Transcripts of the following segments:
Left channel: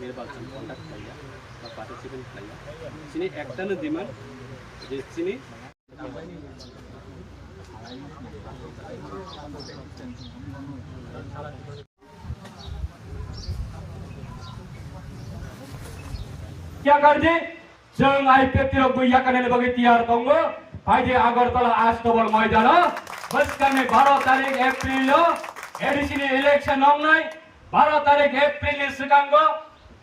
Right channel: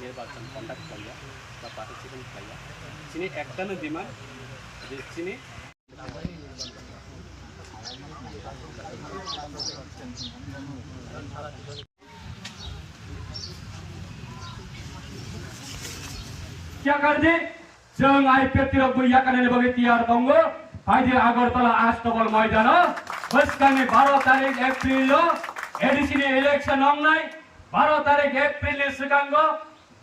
निर्वाचन कन्डाक्ट खाइया बा पार्टिसिपेंट खाइया चिनी एकटानो डिमांड जे चिनी क्या करदे जों आइपिएफ गैयाकाने बगे तियार दंगो फाइदे आगरतला आस्तबल मैदान बस्ताने 12 तारिख एप्रिल एडिसिनी इलेक्शन नंगनाय 12 तारिख एप्रिल सिगांगो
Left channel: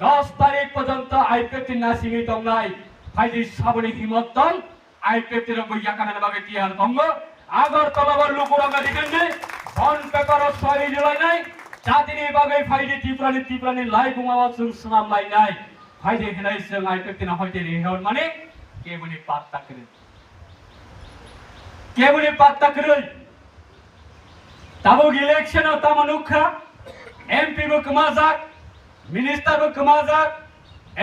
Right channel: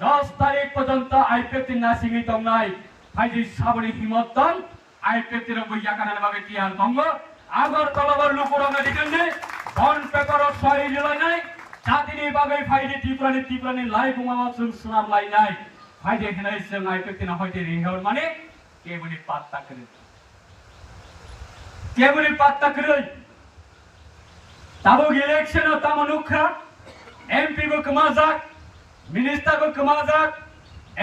10 तारिख पर्यंत आइपिएफ नासिङै दंनाय फाइदे साबनि हिमतन आइपिएफ गैयाकाने बगे तियार दंगो आगरतला लुकुरंगा दिगन्ने बन पेपर सही जुलाइनाय जातिनि बगे फाइदे तिप्रानि लाई गुमावा जों सुनाम लाइनाय फाइदे हिलाय जों आइपिएफ फाइदे रेहर माने केबुनि पात्ता करे ताबो इलेक्शन तामो नुखा एमपी बो कमाजाक मिनिस्टर बो कमाजाक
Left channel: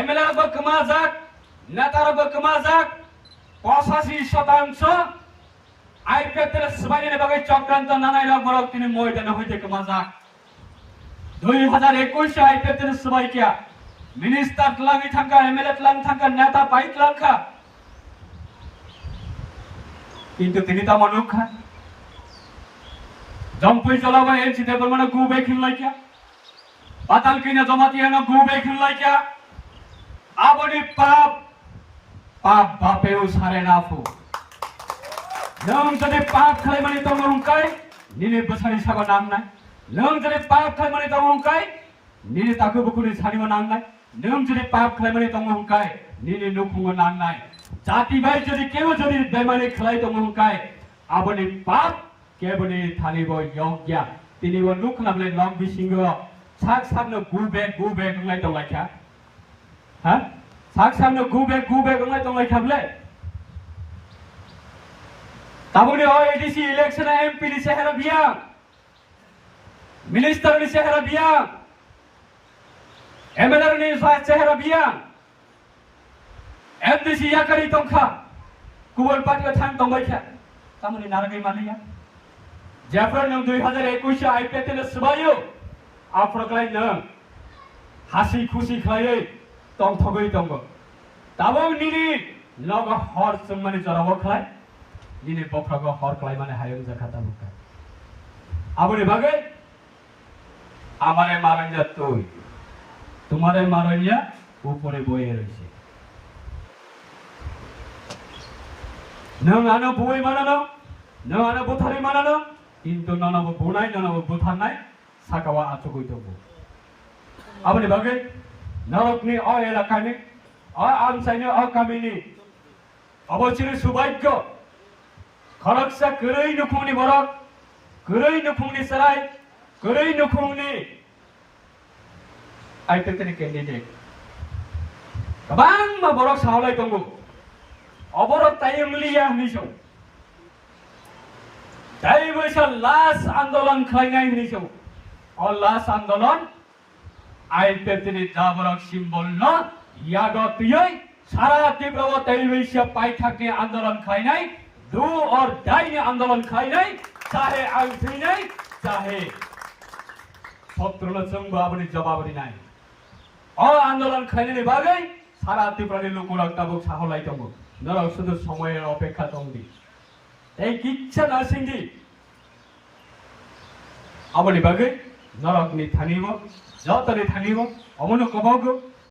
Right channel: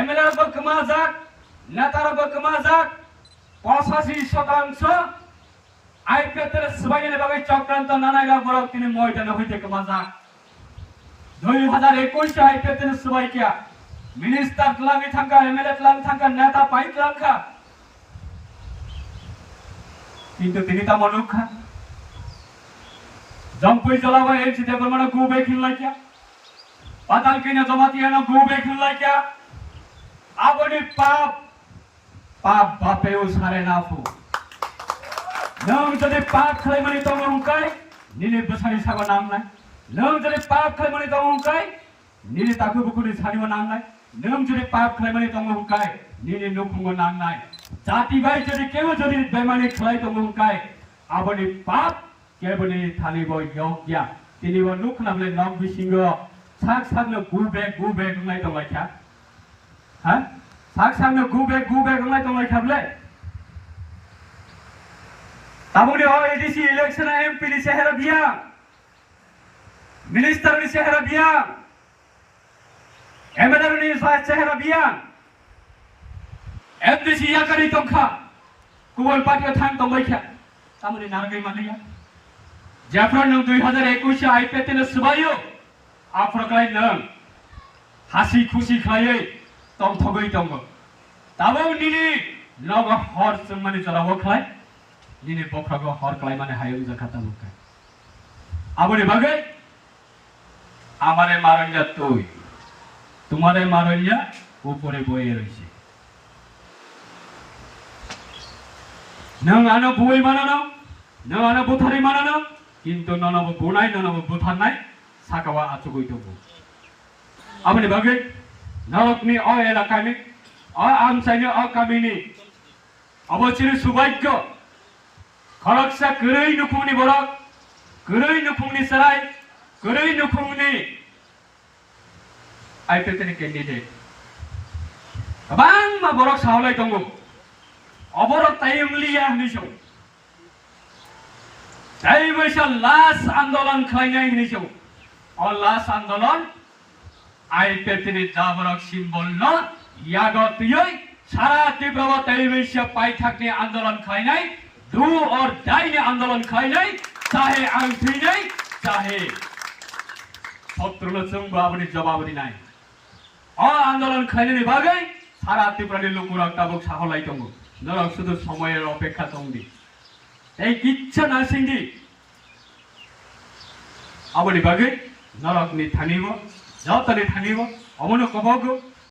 एमएलए बो कमाजाक नेता बो कमाजाक 85% आइपिएफ सबाइने बगे चक्रांत नानायरा बरक तिनि मैदान हइते कमाजाक 2021 आइपिएफ सबाइ क्या मिनिस्टर लांगी थांका एमएलए लांगी थांका नेता पाइट लांखा किंतु तिनि ता मनुखा जम्पुई जलाबा एनसी देबल माने गुबे खिललाय क्या पाताल किने जमातियानो गुबे खिललाय क्या आबनि पाप बापेउ सारे नाफु नों जदे पाप खालामनि तंगंकाय निने बसानि साबा नांनाय नों जदे पाप खालामनि तंगंकाय निने ताकु बुकुनि सानिवा नांनाय नों जदे पाप खालामनि तंगंकाय निने नुखुंगो नांनाय जाति भाई जदि केबो जदि बेमानि खालाय तंगंकाय आबनि पाप केबनि थानिबो योग्य तिनिबो नुखनाबले नं बिसिंगो साक साकनो गुबे गंगाय दंलायखा हा साक साकनो गुबे गंगाय दंलायखाबले ताबुनि ओ एडीसी इलेक्शन एमपी नि सेहरा बिया मिनिस्टर नि सेहरा बिया एमएलए नि सेहरा बिया एमडीसी याकरी तंखा गुबुन पार्टियाव थां दंबायखा तामुनि नारगै मानैया जेफ्रा नों 2021 आइपिएफ नि सबायो आफ्रक्लाय नों हासि खुसि खायै तंथगै दंग ताबो निनि नग हर जोंमानि जराबो खाय निनि बफ्रागो हर खाय माने हायो जाखाता मुखा आबनि बागै আমারে মারইয়া তুই তোমারে মারইয়া উপরে বয়ে রইছে नों आनो बुयै मानानो नों आनो बुथारि मानानो किन्तु ननबो बुनाय ननबो बुथारनाय साकावा आचुगै दङ आबनि बागै नरकनि अ एलाकानि अ आमसाइनि अ गामिनि अबचिरि सुभाग्य खरकसा गोरै नुखुंनि बरक गोरै नुखुंनि सराय गोरै नुखुंनि आइपिएफनि केन्डिडेट गोबां बरक सावलाय दङ अबरत तायमलिया निसौ जायबैसा लास्ट आंदोलन खालायनाय निसौ अ लास्ट आंदोलन आइपिएफनि जाबरक सिम्बल न यागतियै सारा तीव्रवा तायबैसा पाइथाकनि आंदोलन खालायनाय दु और दाइनि आंदोलन खालायनाय चाहे आं थैनाय चाहे शत्रुनो जों बाबनि जवाब दिनाय अ आंदोलन खालायनायनि बागै सारा तीव्रनि लोकमुरक ताबुक साहलाय दङ नरक शुद्ध समय अपेक्षा दंदि এই কিচ্ছা না সিংদি আবনি বাগে নরক নি থানিব যতনি থানিব অমন কবাগো